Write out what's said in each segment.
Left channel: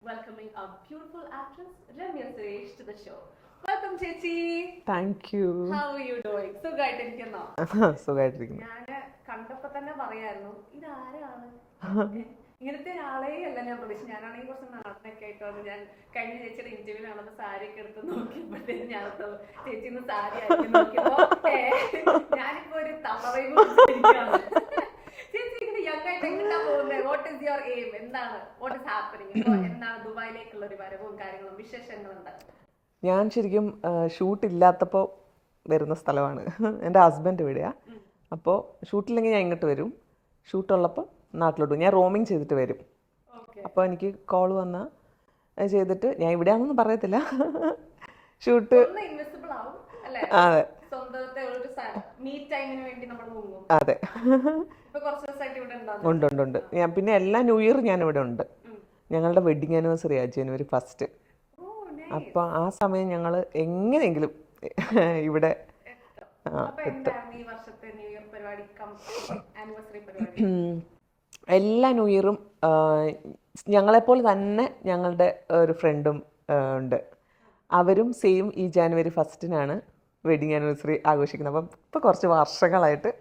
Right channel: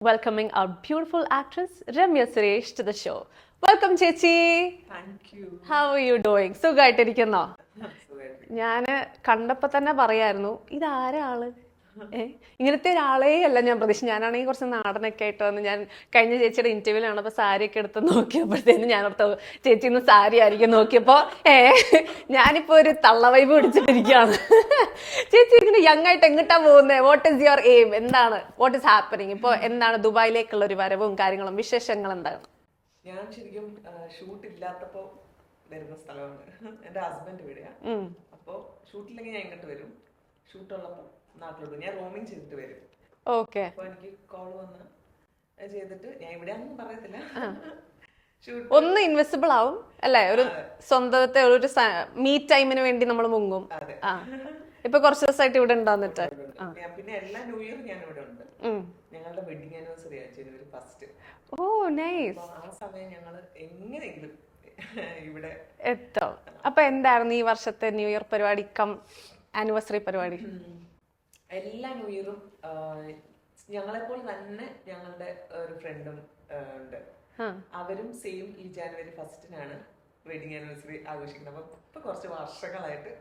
welcoming our beautiful actress Ramya Suresh to the show. Welcome ചേച്ചി. Thank you. How are you doing? സുഖമായിട്ടിരിക്കുന്നോ? സുഖമായിട്ടിരിക്കുന്നു. ഞാന് കണ്ടപ്പോ തന്നെ പറയായിരുന്നു ഇതാരാ ആള്, ഇങ്ങനത്തെ ഒരാളേ അല്ല ഞാൻ പ്രതീക്ഷ. ഞാനാണെങ്കിൽ കുറച്ച് നാടനൊക്കെ ആയിട്ട് വന്ന് ഞാൻ കഴിഞ്ഞ ചേച്ചിയുടെ ഇന്റർവ്യൂവിൽ ആണപ്പോ സാരി ഒക്കെ എടുത്ത് നോക്കിയപ്പോഴത്തേനും ഞാനോർത്ത് ചേച്ചി ഇന്ന് സാരി ആയിരിക്കും നോക്കിയപ്പോ ഞാനിപ്പോ ഒരു തള്ള വൈബ് പിടിച്ചിട്ടിരിക്കുകയാണ്. ചേച്ചി ഇങ്ങനെ യങ് ആയിട്ട് എങ്ങോട്ടാ പോകുന്നത്? What is your aim? എന്താണ് വാട്ട് ഈസ് ഹാപ്പനിങ് ഇപ്പൊ? എന്താണ് ദുബായിലേക്കുള്ള ഒരു വരവും കാര്യങ്ങളും വിശേഷങ്ങൾ എന്താണ്? ഞാൻ ശരിക്കും ഷൂട്ട് ഇല്ലാത്തപ്പോൾ വരുന്ന സ്ഥലമാണ്. എൻ്റെ ഹസ്ബൻഡ് ഇവിടെയാ. അപ്പോൾ ഷൂട്ടില്ലെങ്കിൽ ഞാൻ ഇങ്ങോട്ട് വരും, ഷൂട്ടുള്ളപ്പോൾ നാട്ടിലോട്ട് ഞാൻ റോമിങ് ചെയ്തിട്ട് വരും. ഓക്കെ. അപ്പോൾ എനിക്ക് കോൾ വന്നാൽ ചെയ്തിട്ട് ഞാൻ ഇവിടെയാണെന്നൊന്നും പറയത്തില്ല. ഷൂട്ട് ഒന്ന് ഇൻവെസിബിൾ ആവും അല്ലേ? സ്വന്തത്തെ ഒരു മീ ടൈമിന് വേണ്ടി നമ്മൾ മുങ്ങും. അതെ. ഇപ്പൊ കുറച്ച് ദിവസമായിട്ട് ഇവിടെ ഉണ്ട്. ഞാൻ പിന്നെ എല്ലാ ന്യൂ ഇയർ ഞാൻ ഇവിടെ ഉണ്ട്. ഞങ്ങളുടെ വെഡിങ് ആനിവേഴ്സറിയാ January 1st. അപ്പൊ ആ സമയം ഞങ്ങൾ എങ്ങനെയെങ്കിലും ഇവിടെ എത്തും. അപ്പൊ എന്തായിരുന്നു ഈ വർഷത്തെ ന്യൂ ഇയർ പരിപാടി കം ആനിവേഴ്സറി പരിപാടി? എല്ലാ ന്യൂ ഇയറും ഞങ്ങളെപ്പോലെ തന്നെ ഞങ്ങളുടെ ഒരു ഫ്രണ്ടും ഉണ്ട്. അവരും സെയിം ഈ January 1st വെഡിങ് ആനിവേഴ്സറി ആഘോഷിക്കുന്നത്. അപ്പം ഇപ്പൊ കുറച്ച് വർഷങ്ങളായിട്ട്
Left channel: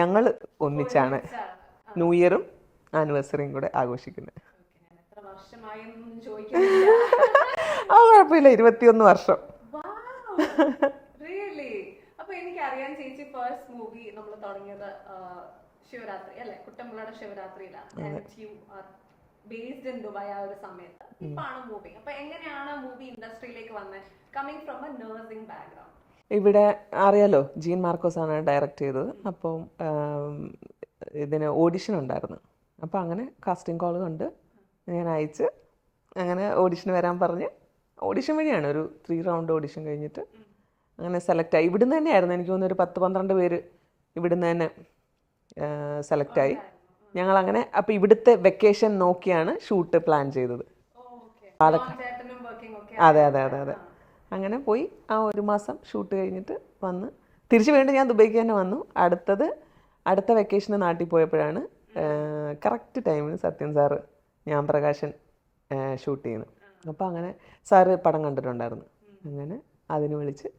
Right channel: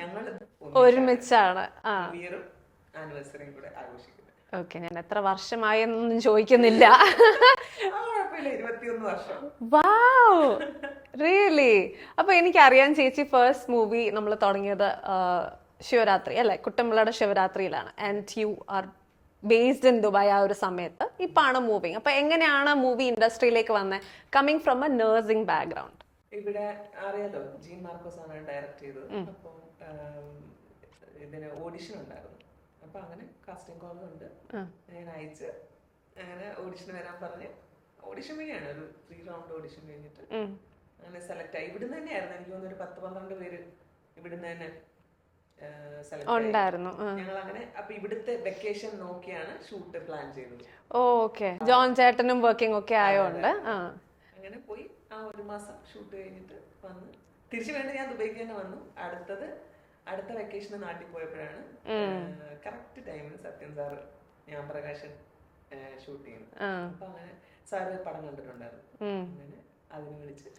ഞങ്ങൾ ഒന്നിച്ചാണ് ന്യൂ ഇയറും ആനിവേഴ്സറിയും കൂടെ ആഘോഷിക്കുന്നത്. ഓക്കെ. ഞാൻ എത്ര വർഷമായി എന്നൊന്നും ചോദിക്കുന്നില്ല. കുഴപ്പമില്ല, 21 വർഷം. Wow, really? അപ്പൊ എനിക്കറിയാൻ ചേച്ചി ഫസ്റ്റ് മൂവി നമ്മൾ തുടങ്ങിയത് ശിവരാത്രി അല്ലെ, കുട്ടമ്പിള്ളയുടെ ശിവരാത്രിയിലാണ്. And you are based in Dubai ആ ഒരു സമയത്ത്. ഇപ്പാണ് മൂവിങ്. അപ്പൊ എങ്ങനെയാണ് മൂവി ഇൻഡസ്ട്രിയിലേക്ക് വന്നത്? Coming from a nursing background. ഇവിടെ അറിയാലോ, ജീൻ മാർക്കോസ് ആണ് ഡയറക്റ്റ് ചെയ്തത്. അപ്പം ഇതിന് ഓഡിഷൻ ഉണ്ടായിരുന്നു. അപ്പം അങ്ങനെ കാസ്റ്റിംഗ് കോൾ കണ്ട് ഞാൻ അയച്ച് അങ്ങനെ ഓഡിഷൻ വരാൻ പറഞ്ഞ് ഓഡിഷൻ വഴിയാണ് ഒരു 3 റൗണ്ട് ഓഡിഷൻ കഴിഞ്ഞിട്ട് അങ്ങനെ സെലക്ട് ആയി. ഇവിടുന്ന് തന്നെയായിരുന്നു. എനിക്ക് തോന്നുന്നു ഒരു 10-12 പേര് ഇവിടുന്ന് തന്നെ സെലക്ട് ആയി. ഞങ്ങൾ അങ്ങനെ അപ്പൊ ഇവിടുത്തെ വെക്കേഷൻ നോക്കിയാണ് ഷൂട്ട് പ്ലാൻ ചെയ്തത്. അതെ അതെ അതെ. അങ്ങനെ പോയി ആ 1 മാസം ഷൂട്ട് കഴിഞ്ഞിട്ട് വന്ന് തിരിച്ചു വീണ്ടും ഞാൻ ദുബൈക്ക് തന്നെ വന്നു. അടുത്ത വെക്കേഷന് നാട്ടിൽ പോയപ്പോഴാണ് കറക്റ്റ് ടൈമിന് സത്യൻ സാറ് ഞാൻ പ്രകാശൻ ഷൂട്ട് ചെയ്യുന്നത്. അപ്പൊ അങ്ങനെ സാറ് പടം കണ്ടിട്ടുണ്ടായിരുന്നു. അങ്ങനെ അതിന് വിളിച്ച്